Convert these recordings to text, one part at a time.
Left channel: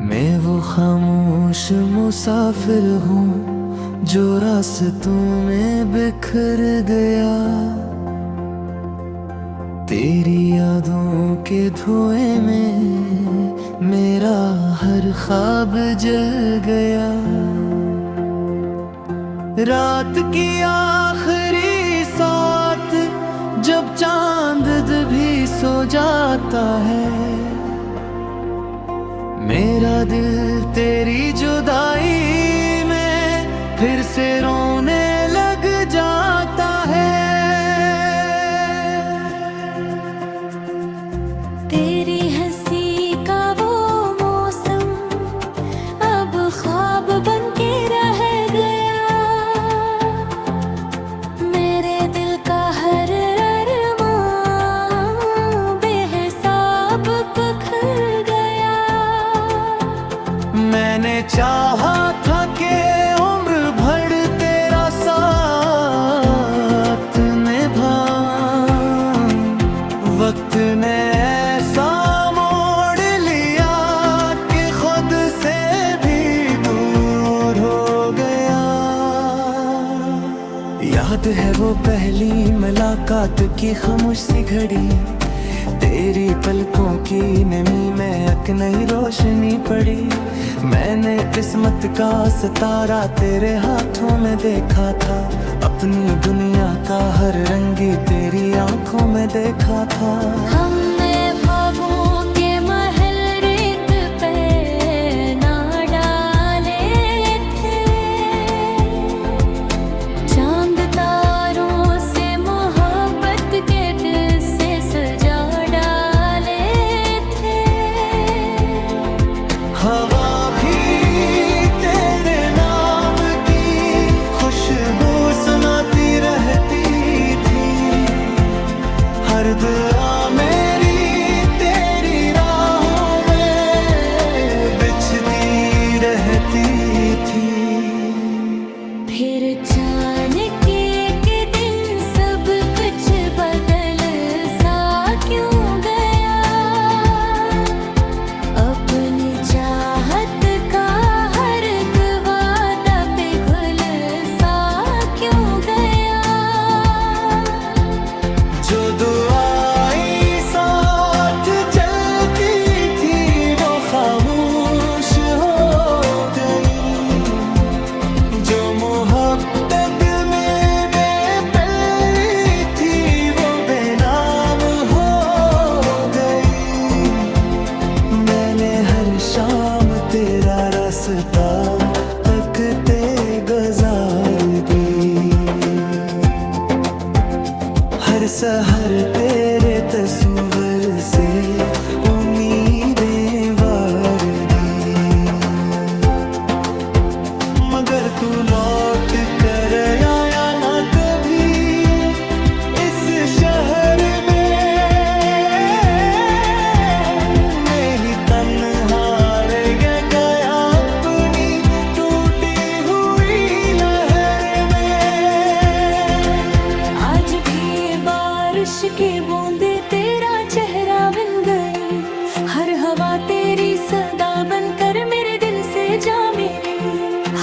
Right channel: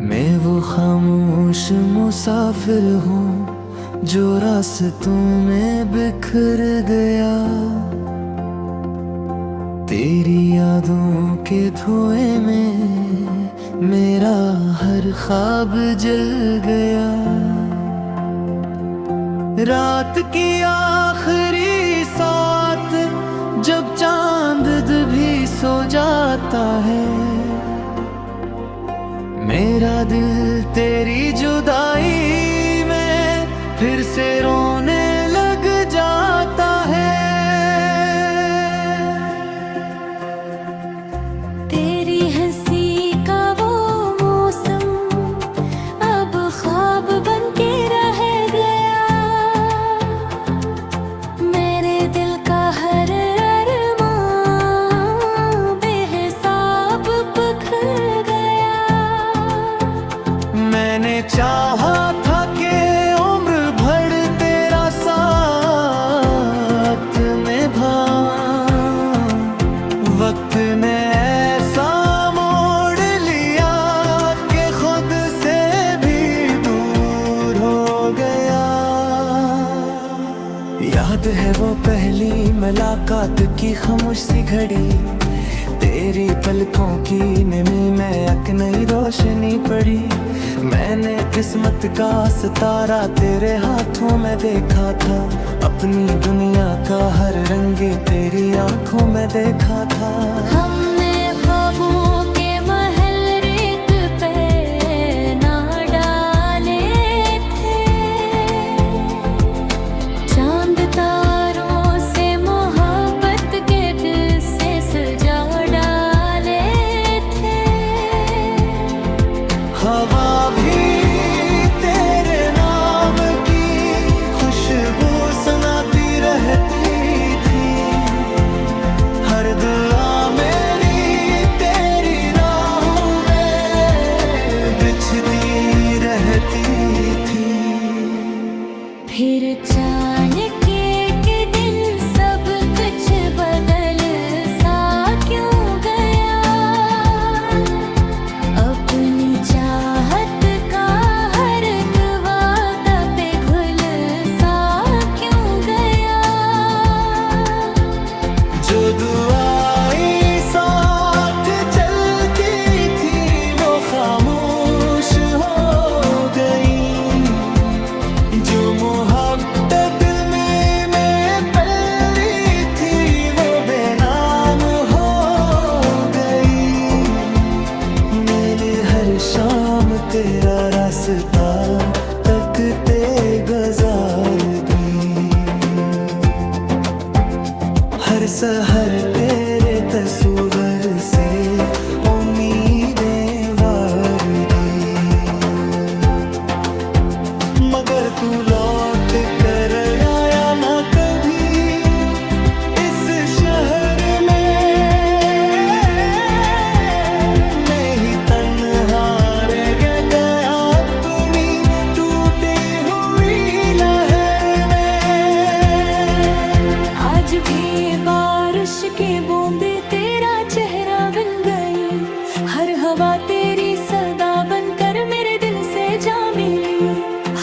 मैं वो खामोश मुसाफिर हूँ जो रास्तों में बिखर गया, तेरी यादों के धुएं में मेरा हर ख्वाब जल गया। रात की आखिरी साथ जब चांद भी सो जाता है, मेरा दिल तेरी जुदाई में फिर से रोने लग जाता है। तेरी हंसी का वो मौसम अब ख्वाब बन के रह गया, मेरे दिल का हर अरमां बेहिसाब बिखर गया। मैंने चाहा था कि उम्र भर तेरा साथ निभाऊं, वक्त ने ऐसा मोड़ लिया कि खुद से भी दूर हो गया। याद है वो पहली मुलाकात की खामोश सी घड़ी, तेरी पलकों की नमी में एक नई रोशनी पड़ी। मैंने किस्मत का सितारा तेरे हाथों में देखा था, अपनी दुनिया का हर रंग तेरी आंखों में देखा था। हमने ख्वाबों के महल रेत पे ना डाले थे, चांद तारों से मोहब्बत के दिल से सजा डाले थे। हवा भी तेरे नाम की खुशबू सुनाती रहती थी, हर दुआ मेरी तेरी राहों में बिछती रहती थी। फिर अचानक एक दिन सब कुछ बदल सा क्यों गया, अपनी चाहत का हर एक वादा पे घुल सा क्यों गया। जो दुआएं साथ चलती थी वो खामोश हो गई, जो मोहब्बत दिल में पली थी वो बेनाम हो गई। मैंने हर शाम तेरा रास्ता तकते गुजार दी, हर सहर तेरे तस्वीर से उम्मीदें वार दी। मगर तू लौट कर आया ना कभी इस शहर में, मैं ही तन्हा रह गया अपनी टूटी हुई लहर में। आज भी बारिश के बूंदे तेरा चेहरा बन गई, हर हवा तेरी सदा बनकर मेरे दिल से जा मिली।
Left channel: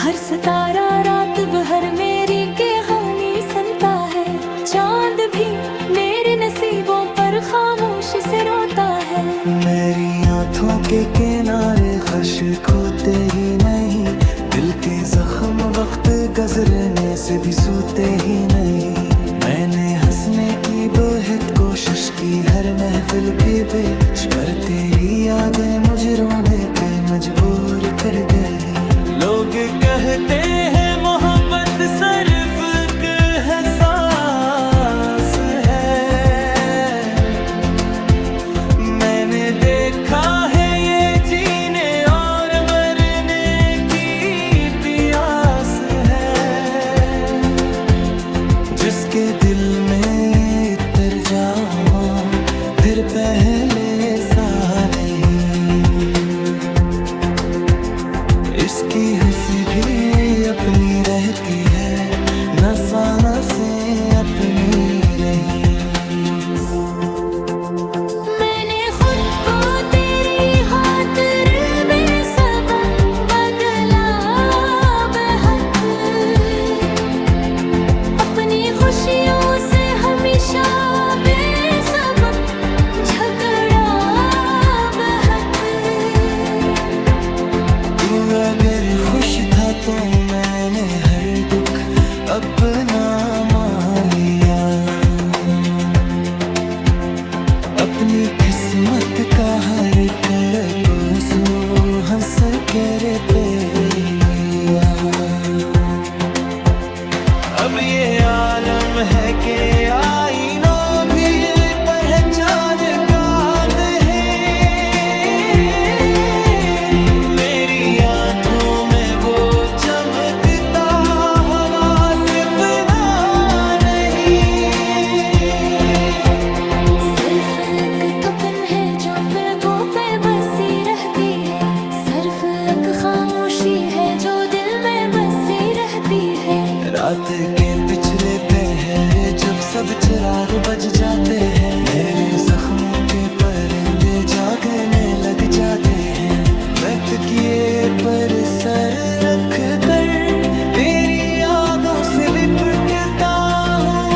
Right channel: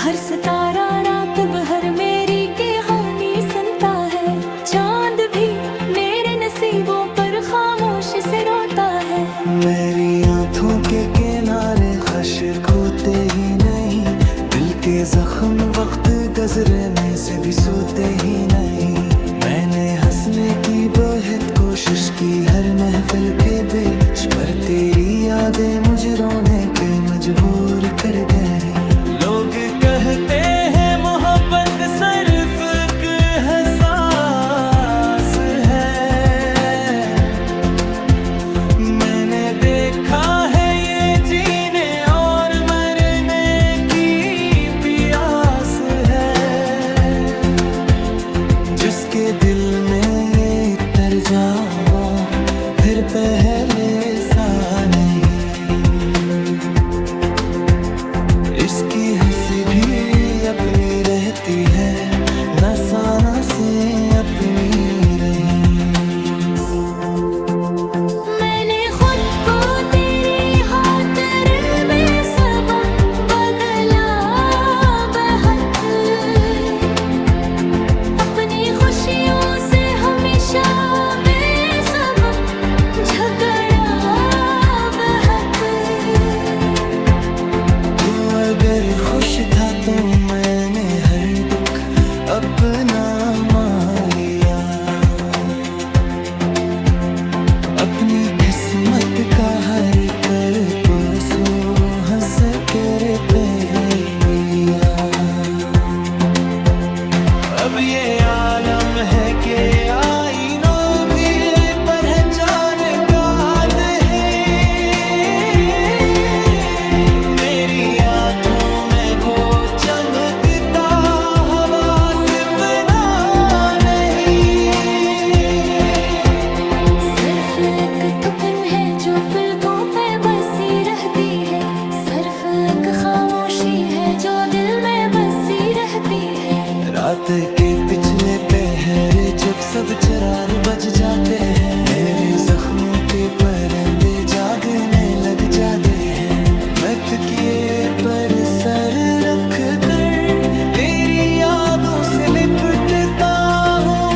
हर सितारा रात भर मेरी कहानी सुनता है, चांद भी मेरे नसीबों पर खामोशी से रोता है। मेरी आंखों के किनारे खश्क होते ही नहीं, दिल के जख्म वक्त गुजरने से भी सूते ही नहीं। मैंने हंसने की बहुत कोशिश की हर महफिल के बीच, पर तेरी यादें मुझे रोने पे मजबूर कर गई। लोग कहते हैं मोहब्बत सिर्फ एक एहसास है, मैंने देखा है ये जीने और मरने की प्यास है। जिसके दिल में ये उतर जाऊं फिर पहले सा नहीं, इसकी हंसी भी अपनी रहती है, नसा नसें अपनी रही। मैंने खुद को तेरी खातिर बेसबब बदला बेहक, अपनी खुशियों से हमेशा बेसबब झगड़ा बेहक। तू अगर खुश था तो मैंने हर दुख अपना मान लिया, अपनी किस्मत का हर कर पोसो हंस कर पे लिया। अब ये आलम है कि आईनों भी पहचान काद है, मेरी आंखों में वो चमकता हवा सिपना नहीं। सिर्फ एक थपन है जो पलकों पे बसी रहती है, सिर्फ एक खामोशी है जो दिल में बसी रहती है। रात के पिछले पहर जब सब चिराग बज जाते हैं, मेरे जख्मों के परिंदे जागने लग जाते हैं। मैं तकिए पर सर रख कर तेरी यादों से लिपटता हूँ,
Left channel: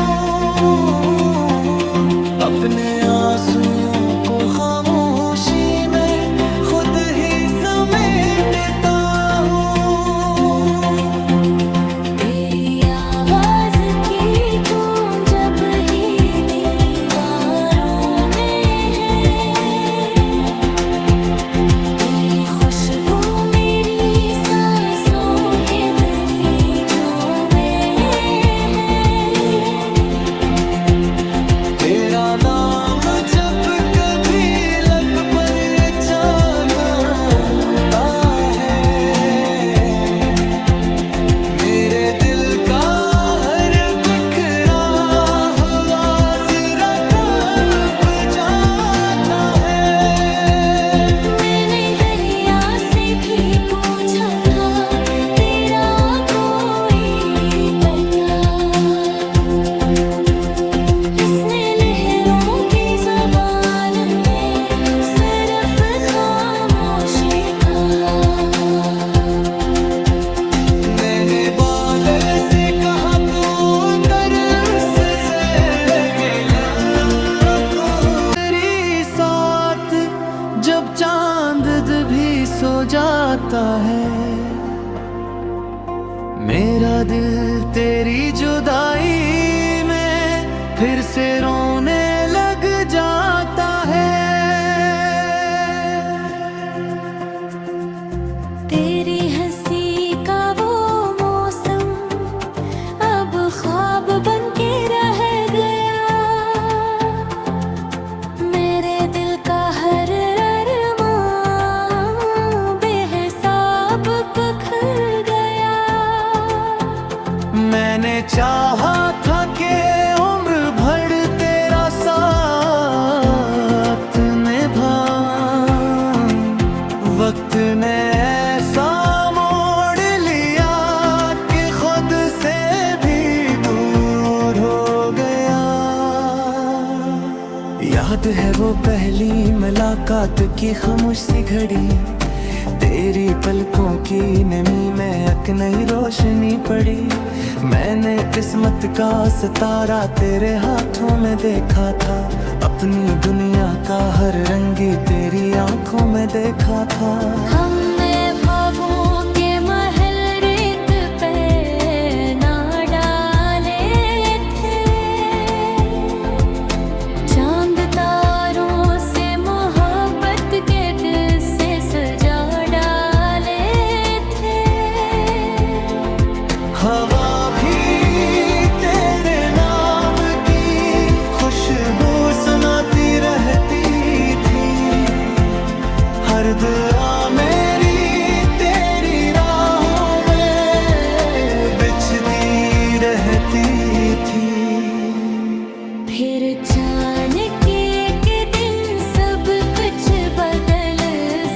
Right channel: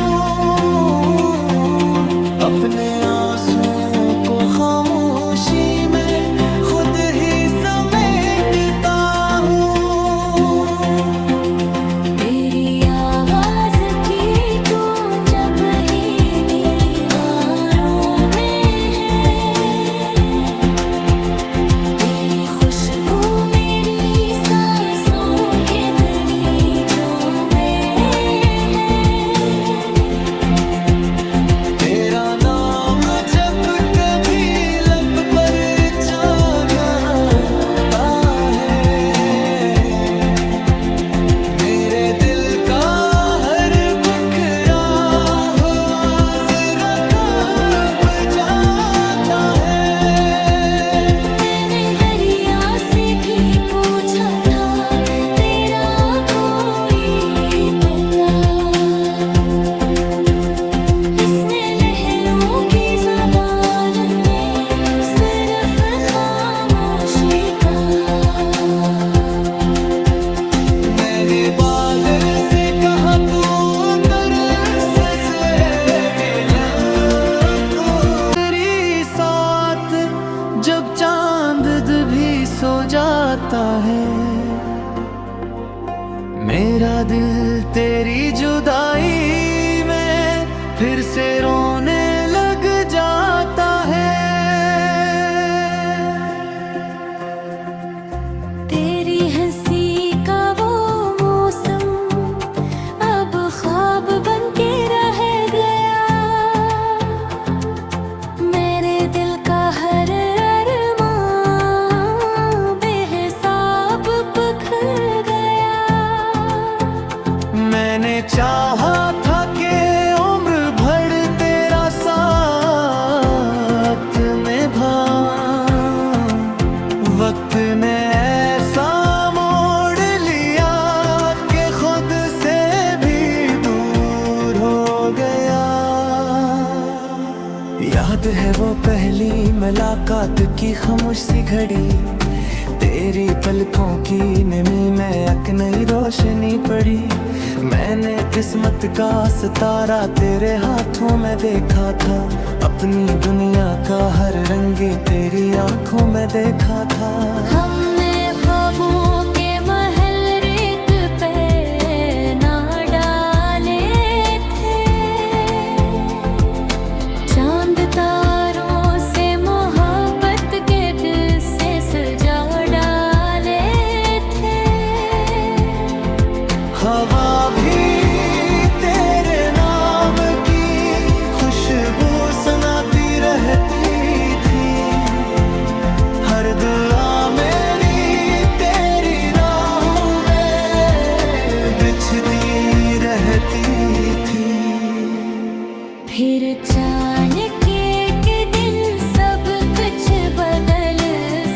अपने आंसुओं को खामोशी में खुद ही समेटता हूँ। तेरी आवाज की गूंज जब ही दीवारों में है, तेरी खुशबू मेरी सांसों के दरीचों में है। तेरा नाम जब कभी लब पर जाना है, मेरे दिल का हर बिखरा हुआ जरा कांप जाता है। मैंने दरिया से भी पूछा था तेरा कोई पता, इसने लहरों की ज़बान में सिर्फ खामोशी कहा। मैंने बादल से कहा तो तरस से गिला तो, तेरी साथ जब चांद भी सो जाता है, मेरा दिल तेरी जुदाई में फिर से रोने लग जाता है। तेरी हंसी का वो मौसम अब ख्वाब बन के रह गया, मेरे दिल का हर अरमां बेहिसाब बिखर गया। मैंने चाहा था कि उम्र भर तेरा साथ निभाऊं, वक्त ने ऐसा मोड़ लिया कि खुद से भी दूर हो गया। याद है वो पहली मुलाकात की खामोश सी घड़ी, तेरी पलकों की नमी में एक नई रोशनी पड़ी। मैंने किस्मत का सितारा तेरे हाथों में देखा था, अपनी दुनिया का हर रंग तेरी आंखों में देखा था। हमने ख्वाबों के महल रेत पे ना डाले थे, चांद तारों से मोहब्बत के दिल से सजा डाले थे। हवा भी तेरे नाम की खुशबू सुनाती रहती थी, हर दुआ मेरी तेरी राहों में बिछती रहती थी। फिर अचानक एक दिन सब कुछ बदल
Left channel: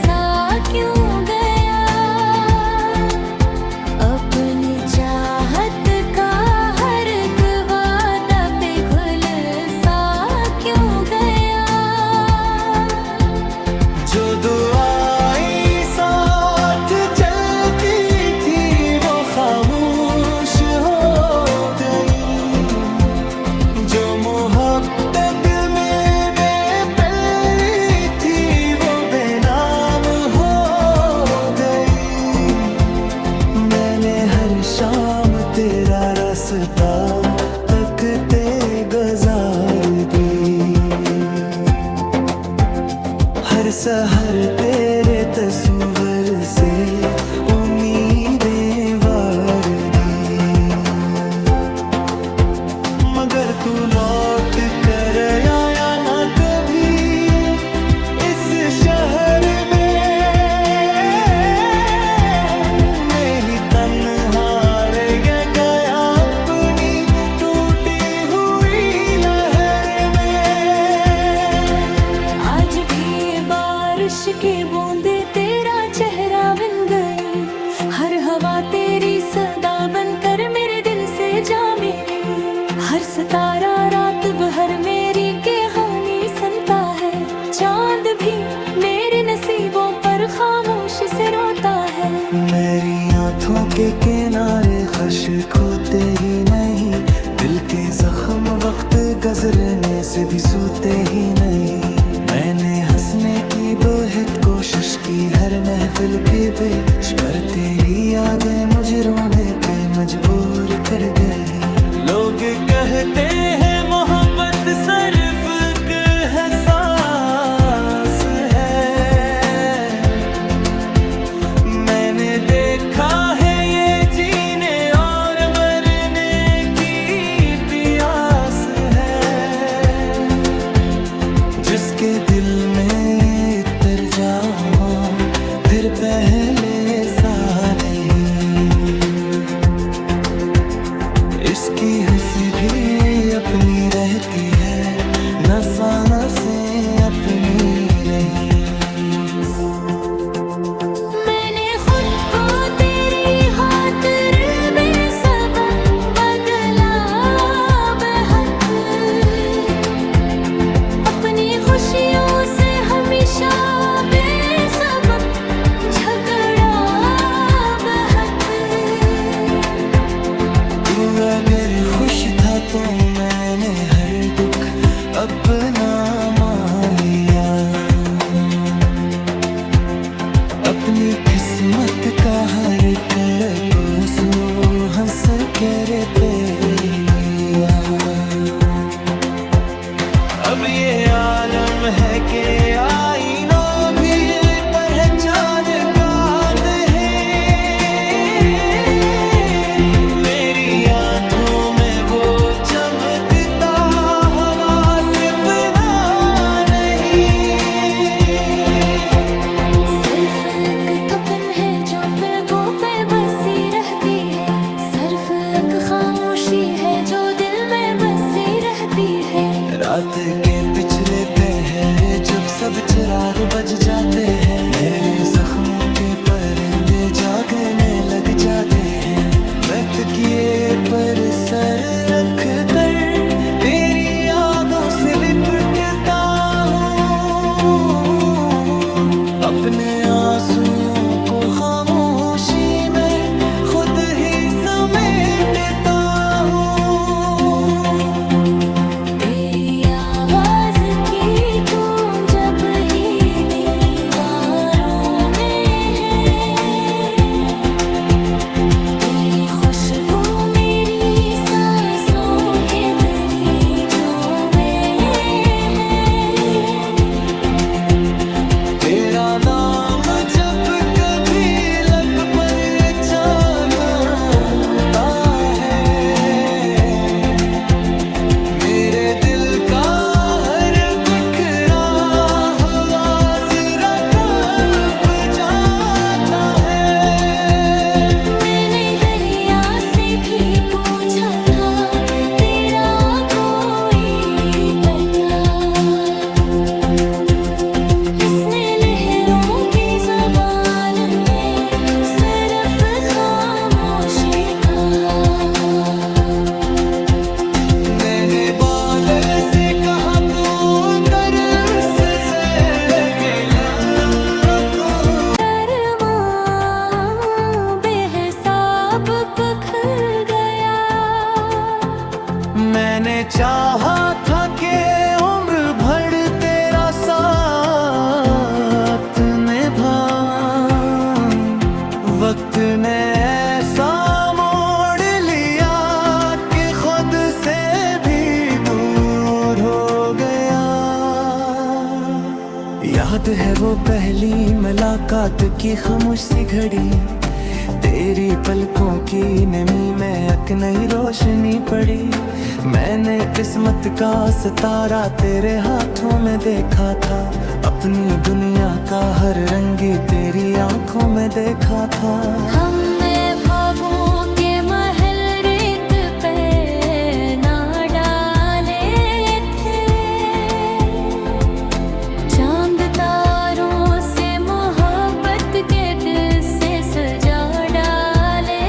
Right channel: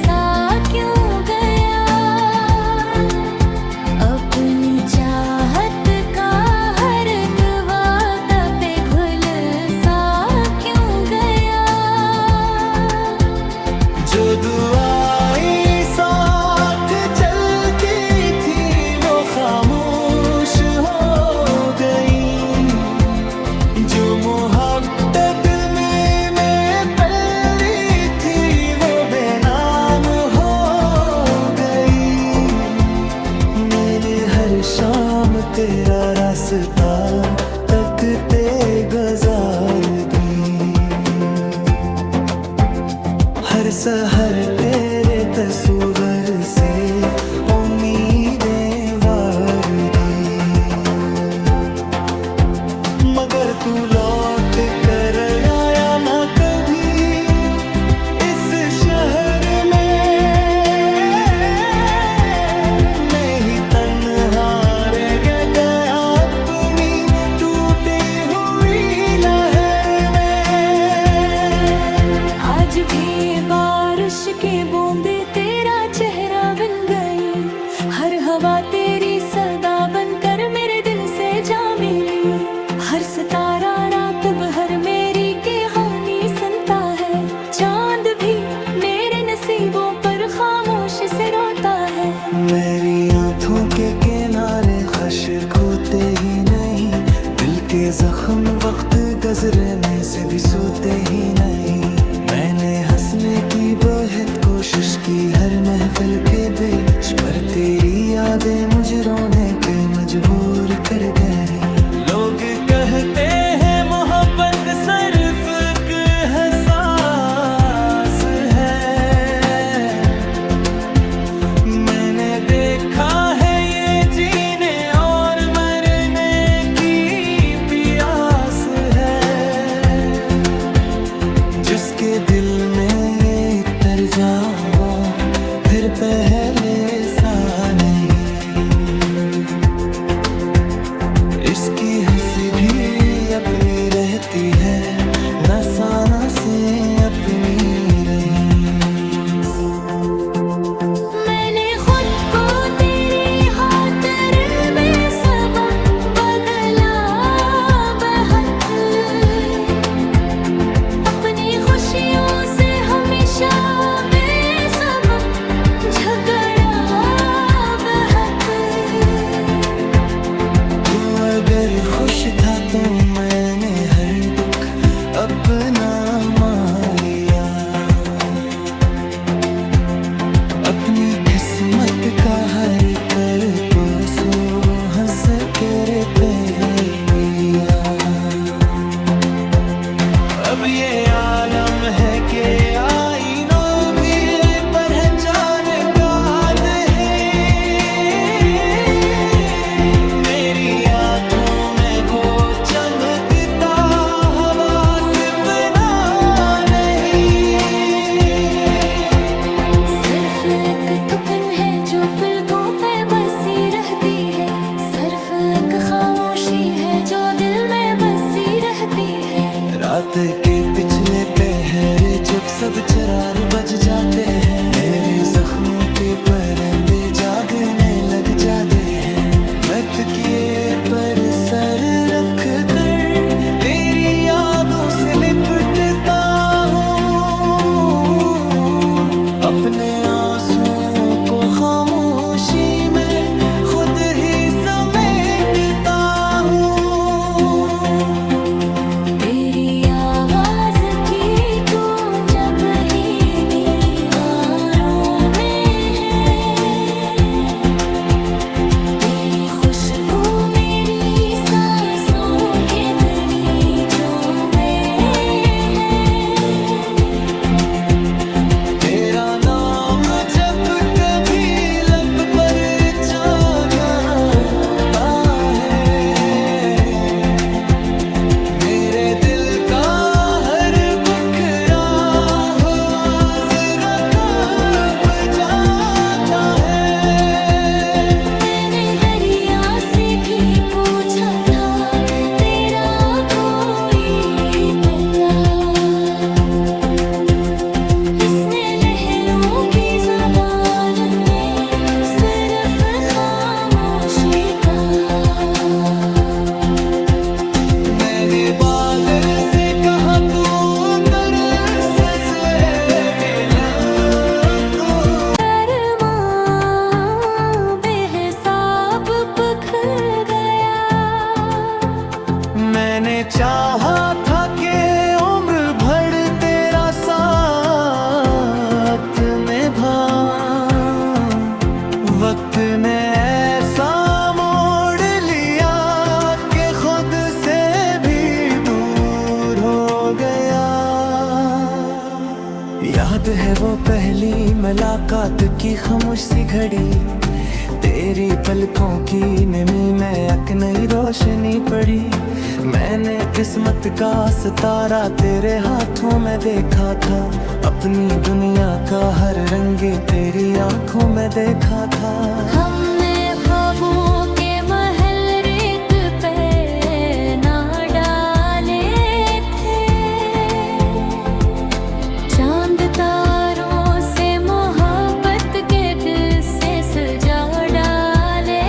सा क्यों गया, अपनी जो दुआएं साथ चलती थी वो खामोश हो गई। जो मोहब्बत दिल में पली थी वो बेनाम हो गई। मैंने हर शाम तेरा रास्ता तकते गुजार दी। हर सहर तेरे तस्वर से उम्मीदें वार दी। मगर तू लौट कर आया ना कभी इस शहर में। मैं ही तन्हा रह गया अपनी टूटी हुई लहर में। आज भी बारिश की बूंदे तेरा चेहरा बन गई। हर हवा तेरी सदा बनकर मेरे दिल से जा मिली। हर सितारा रात भर मेरी कहानी सुनता है। चांद भी मेरे नसीबों पर खामोशी से रोता है। मेरी आंखों के किनारे खश्क होते ही नहीं। दिल के जख्म वक्त गुजरने से भी सूते ही नहीं। मैंने हंसने की बहुत कोशिश की हर महफिल के बीच, पर तेरी यादें मुझे रोने पे मजबूर कर गई। लोग कहते हैं मोहब्बत सिर्फ एक एहसास है। मैंने देखा है ये जीने और मरने की प्यास है। जिसके दिल में ये उतर जाओ फिर पहले सा नहीं। इसकी हंसी भी अपनी रहती है, नसाना से अपनी रही। मैंने खुद को तेरी खातिर बेसबब बदला बेहक। अपनी खुशियों से हमेशा बेसबब झगड़ा बेहक। तू अगर खुश था तो मैंने हर दुख अपना मान लिया। अपनी किस्मत का हर कर को सो हंस के पे लिया। अब ये आलम है कि आईनों भी पहचान काद है। मेरी आंखों में वो चमकता हवा सपना नहीं। सिर्फ एक थपन है जो पलकों पे बसी रहती है। सिर्फ एक खामोशी है जो दिल में बसी रहती है। रात के पिछले पहर जब सब चरार बज जाते हैं, मेरे जख्मों के परिंदे जागने लग जाते हैं। मैं तकिए पर सर रख कर तेरी यादों से लिपटता हूँ। अपने आंसुओं को खामोशी में खुद ही समेटता हूँ। तेरी आवाज की गूंज जब ही दीवारों में है। तेरी खुशबू मेरी सांसों के दरीचों में है। तेरा नाम जब कभी लब पर छाना चाहा था कि उम्र भर तेरा साथ निभाऊं, वक्त ने ऐसा मोड़ लिया कि खुद से भी दूर हो गया। याद है वो पहली मुलाकात की खामोश सी घड़ी, तेरी पलकों की नमी में एक नई रोशनी पड़ी। मैंने किस्मत का सितारा तेरे हाथों में देखा था, अपनी दुनिया का हर रंगी तेरी आंखों में देखा था। हमने ख्वाबों के महल रेत पे ना डाले थे, चांद तारों से मोहब्बत के दिल से सजा डाले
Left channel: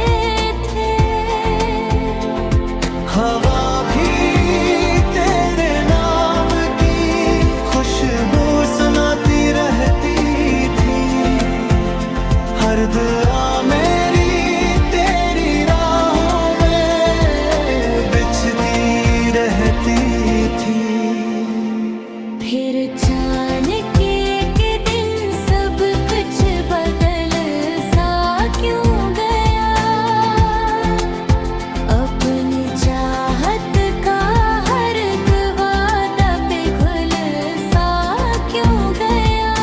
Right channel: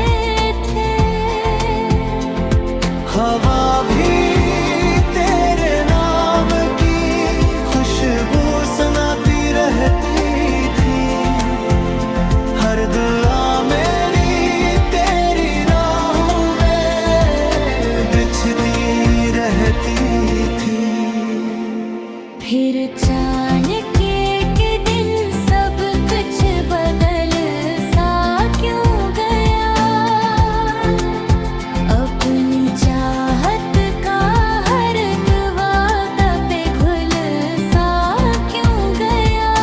थे। हवा भी तेरे नाम की खुशबू सुनाती रहती थी, हर दुआ मेरी तेरी राहों में बिछती रहती थी। फिर अचानक एक दिन सब कुछ बदल सा क्यों गया, अपनी चाहत का हर एक वादा पिघल सा क्यों गया।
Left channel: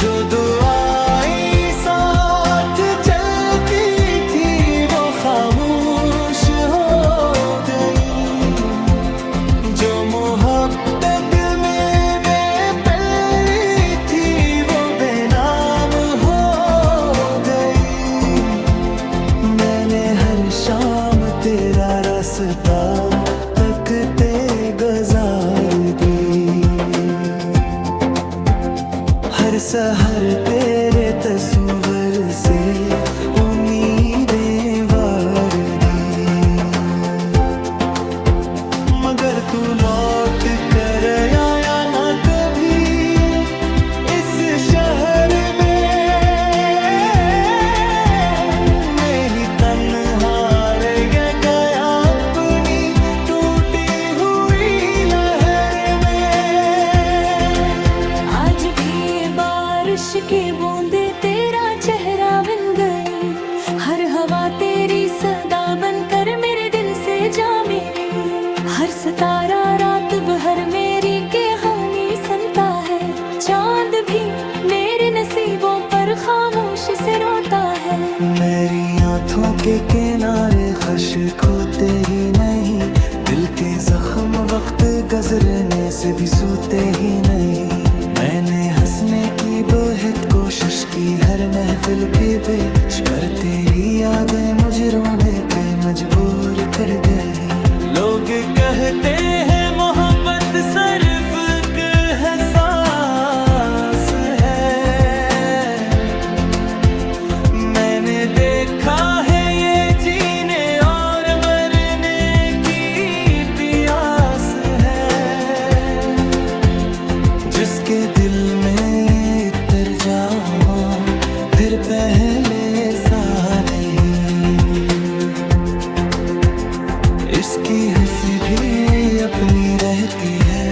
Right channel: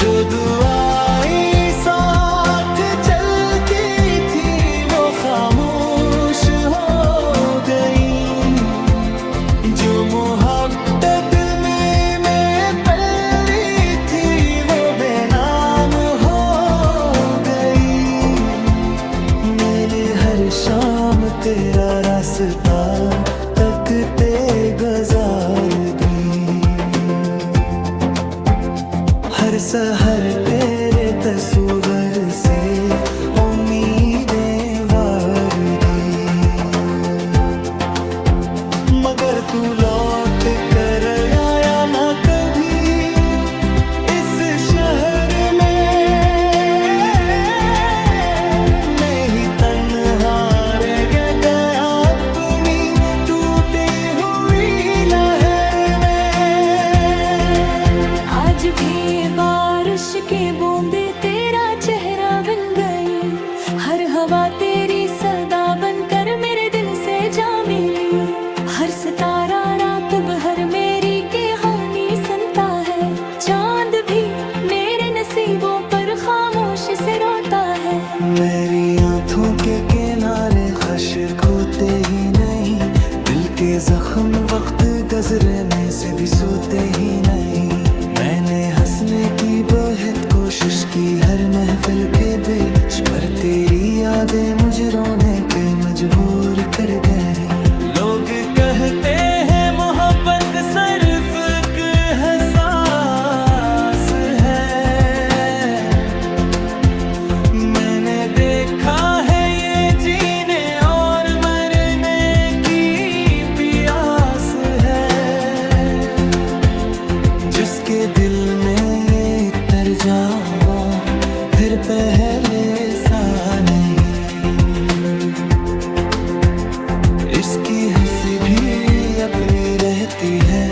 जो दुआएं साथ चलती थी वो खामोश हो गई, जो मोहब्बत दिल में पली थी वो बेनाम हो गई। मैंने हर शाम तेरा रास्ता तकते गुजार दी, हर सहर तेरे तस्वीर से उम्मीदें वार दी। मगर तू लौट कर आया ना कभी इस शहर में, मैं ही तन्हा रह गया अपनी टूटी हुई लहर में। आज भी बारिश की बूंदे तेरा चेहरा बन गई, हर हवा तेरी सदा बनकर मेरे दिल से जा मिली। हर सितारा रात भर मेरी कहानी सुनता है, चांद भी मेरे नसीबों पर खामोशी से रोता है। मेरी आंखों के किनारे खश्क होते ही नहीं, दिल के जख्म वक्त गुजरने से भी सूते ही नहीं। मैंने हंसने की बहुत कोशिश की हर महफिल के बीच, पर तेरी यादें मुझे रोने पे मजबूर कर गई। लोग कहते हैं मोहब्बत सिर्फ एक एहसास है, मैंने देखा है ये जीने और मरने की प्यास है। जिसके दिल में ये उतर जाऊं फिर पहले सा नहीं, इसकी हंसी भी अपनी रहती है,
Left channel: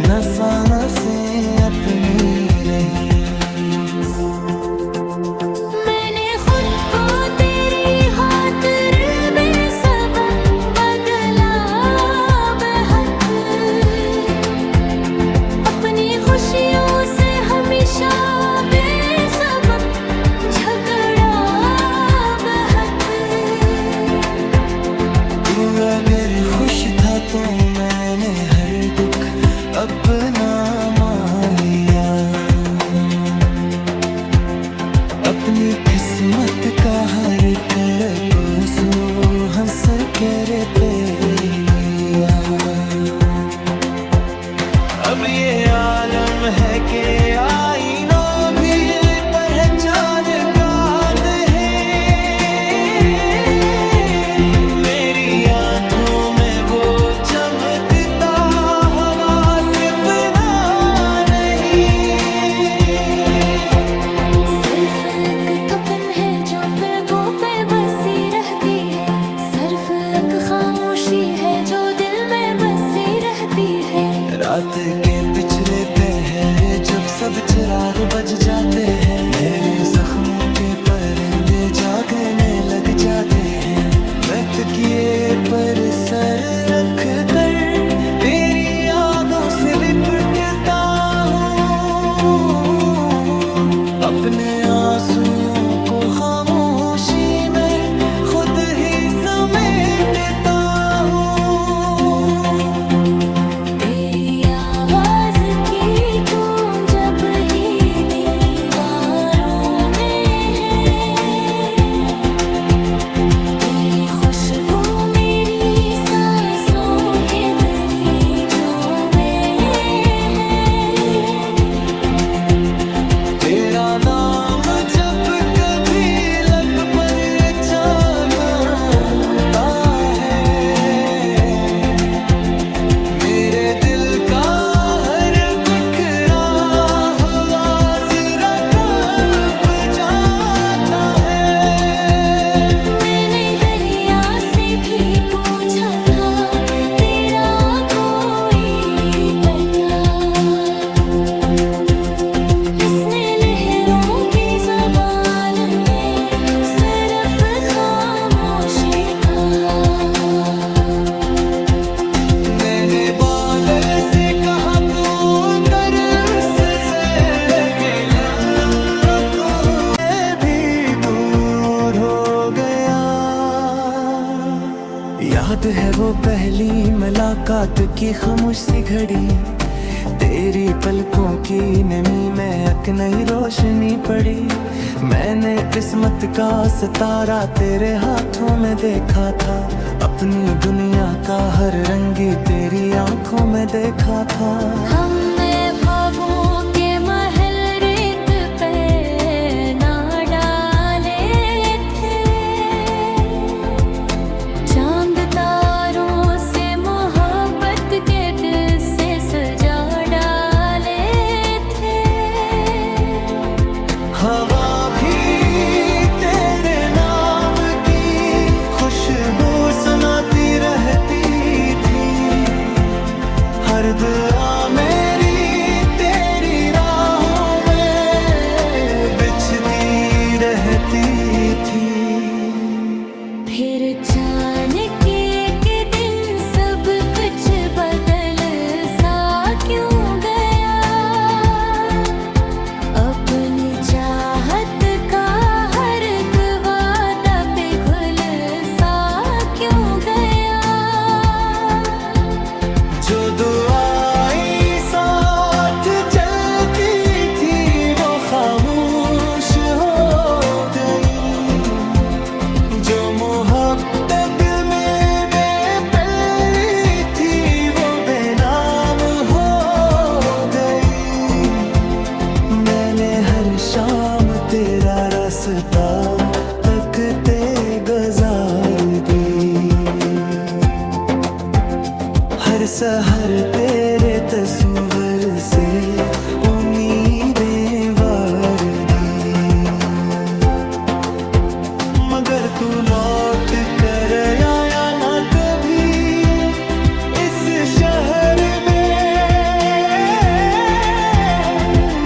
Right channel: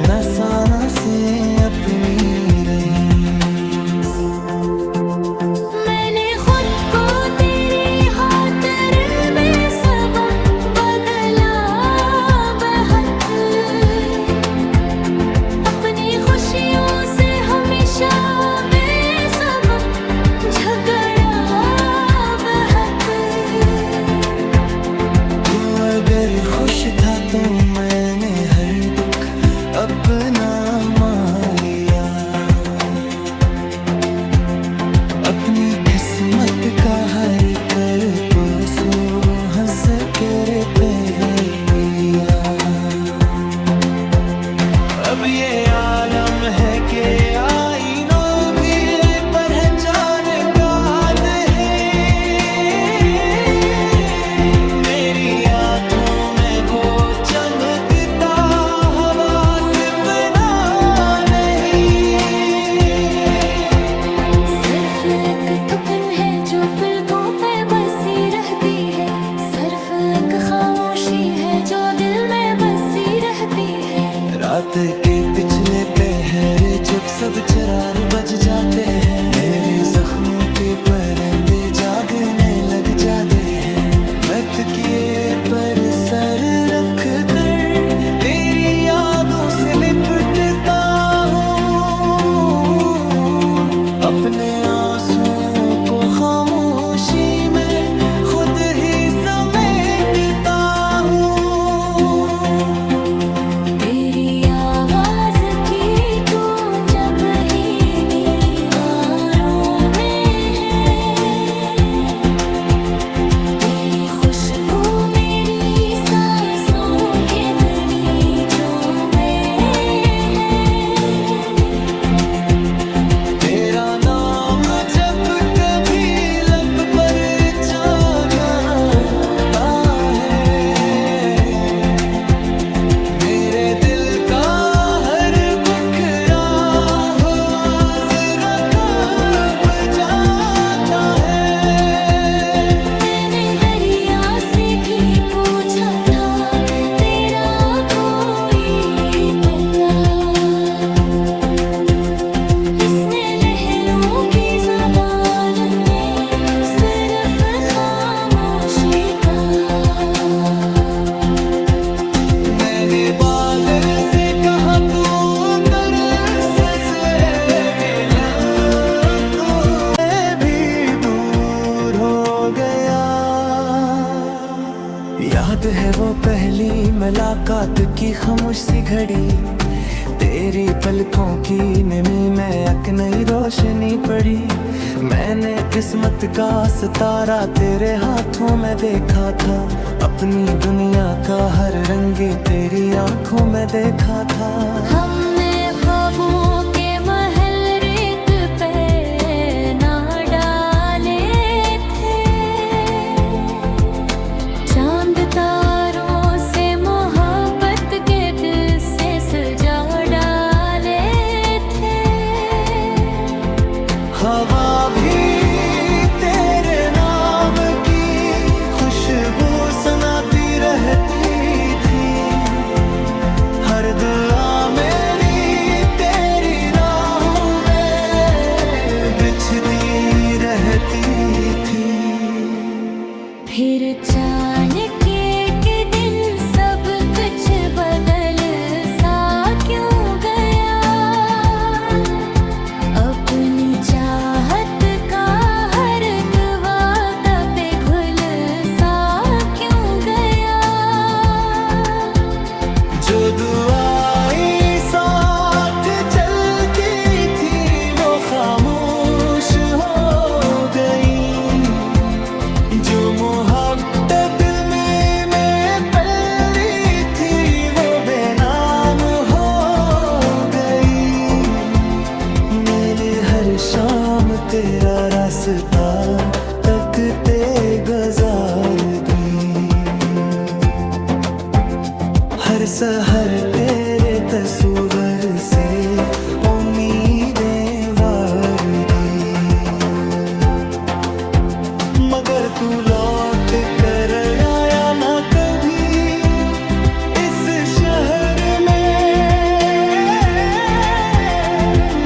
नसा से अपनी रही। मैंने खुद को तेरी खातिर बेसबब बदला बेहद, अपनी खुशियों से हमेशा बेसबब झगड़ा बेहद। तू अगर खुश था तो मैंने हर दुख अपना मान लिया, अपनी किस्मत का हर करब सो हंस कर पे लिया। अब ये आलम है कि आईनों भी पहचान काद है, मेरी आंखों में वो चमकता हवा सिपना नहीं। सिर्फ एक थपन है जो पलकों पे बसी रहती है, सिर्फ एक खामोश खामोशी है जो दिल में बसी रहती है। रात के पिछले पहर जब सब चरार बज जाते हैं, मेरे जख्मों के परिंदे जागने लग जाते हैं। मैं तकिए पर सर रख कर तेरी यादों से लिपटता हूँ, अपने आंसुओं को खामोशी में खुद ही समेटता हूँ। तेरी आवाज की गूंज जब ही दीवारों में है, तेरी खुशबू मेरी सांसों के दरीचों में है। तेरा नाम जब कभी लब पर छाता है, मेरे दिल का हर बिखरा हुआ जरा कांप जाता है। मैंने दरिया से भी पूछा था तेरा कोई पता, इसने लहरों की ज़बान में सिर्फ खामोशी कहा। मैंने बादल से कहा तो तरस से गिला, तो मैं भी दूर हो गया। याद है वो पहली मुलाकात की खामोश सी घड़ी, तेरी पलकों की नमी में एक नई रोशनी पड़ी। मैंने किस्मत का सितारा तेरे हाथों में देखा था, अपनी दुनिया का हर रंगी तेरी आंखों में देखा था। हमने ख्वाबों के महल रेत पे ना डाले थे, चांद तारों से मोहब्बत के दिल से सजा डाले थे। हवा भी तेरे नाम की खुशबू सुनाती रहती थी, हर दुआ मेरी तेरी राहों में बिछती रहती थी। फिर अचानक एक दिन सब कुछ बदल सा क्यों गया, अपनी चाहत का हर एक वादा पे घुल सा क्यों गया। जो दुआएं साथ चलती थी वो खामोश हो गई, जो मोहब्बत दिल में मैं पली थी वो बेनाम हो गई। मैंने हर शाम तेरा रास्ता तकते गुजार दी, हर सहर तेरे तस्वर से उम्मीदें वार दी। मगर तू लौट कर आया ना कभी इस शहर में,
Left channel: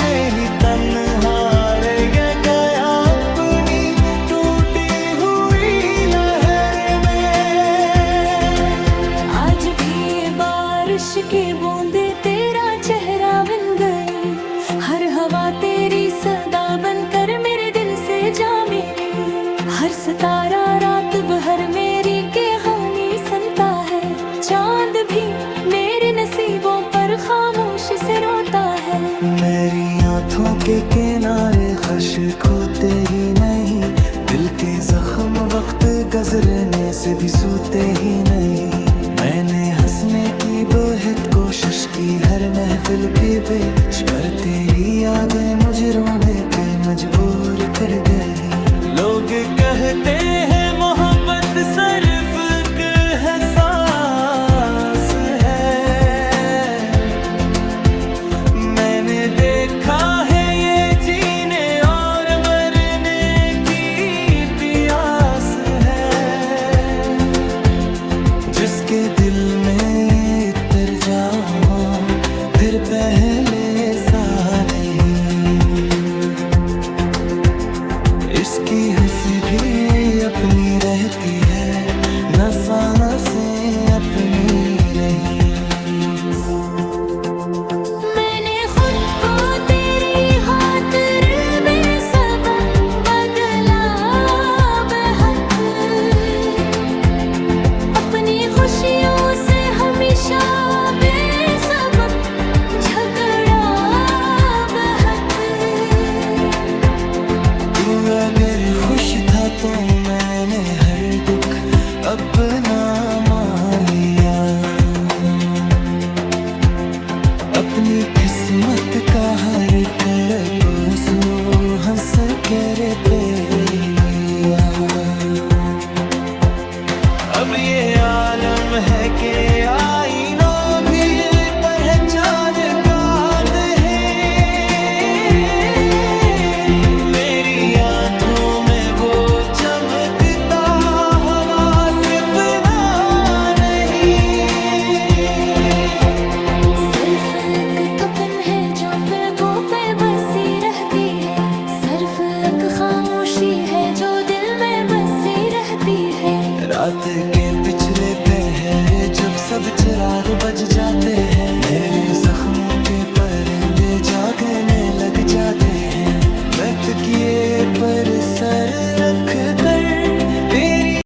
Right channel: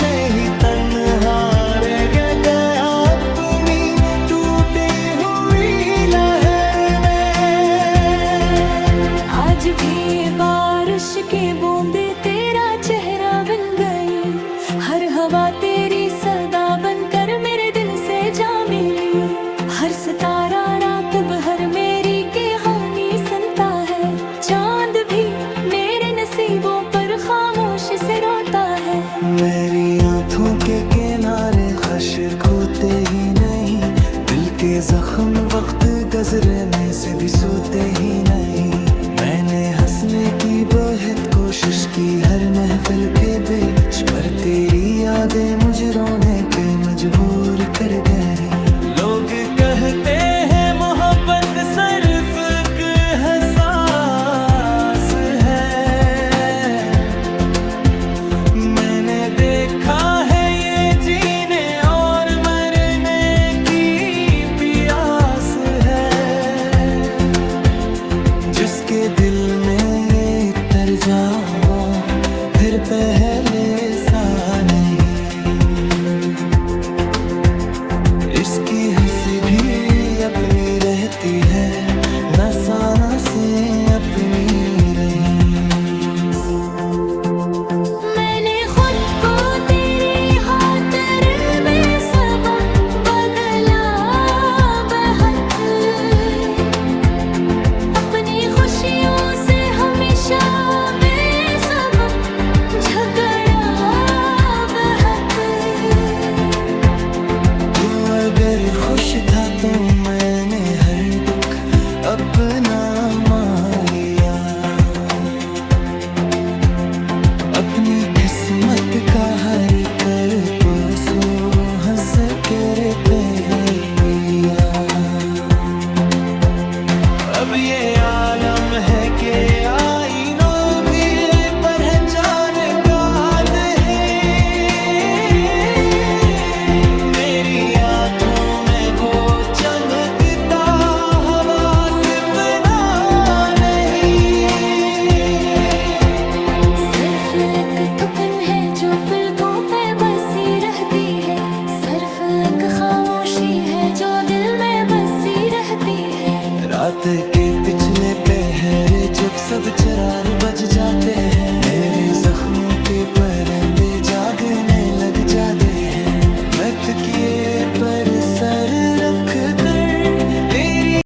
मैं ही तन्हा रह गया अपनी टूटी हुई लहर में। आज भी बारिश के बूंदे तेरा चेहरा बन गई, हर हवा तेरी सदा बनकर मेरे दिल से जा मिली। हर सितारा रात भर मेरी कहानी सुनता है, चांद भी मेरे नसीबों पर खामोशी से रोता है। मेरी आंखों के किनारे खश्क होते ही नहीं, दिल के जख्म वक्त गुजरने से भी सूते ही नहीं। मैंने हंसने की बहुत कोशिश की हर महफिल के बीच, पर तेरी यादें मुझे रोने पे मजबूर कर गई। लोग कहते हैं मोहब्बत सिर्फ एक एहसास है, मैंने देखा है ये जीने और मरने की प्यास है। जिसके पहले सा नहीं। इसकी हंसी भी अपनी रहती है, नसाना से अपनी रही। मैंने खुद को तेरी खातिर बेसबब बदला बेहद, अपनी खुशियों से हमेशा बेसबब झगड़ा बेहद। तू अगर खुश था तो मैंने हर दुख अपना मान लिया, अपनी किस्मत का हर कर को सो हंस कर पे लिया। अब ये आलम है कि आईनों भी पहचान काद है, मेरी आंखों में वो चमकता हवा सिपना नहीं। सिर्फ एक थपन है जो पलकों पे बसी रहती है, सिर्फ एक खामोशी है जो दिल में बसी रहती है। रात के पिछले पहर जब सब चरार बज जाते हैं, मेरे जख्मों के परिंदे जागने लग जाते हैं। मैं तकिए पर सर रख कर तेरी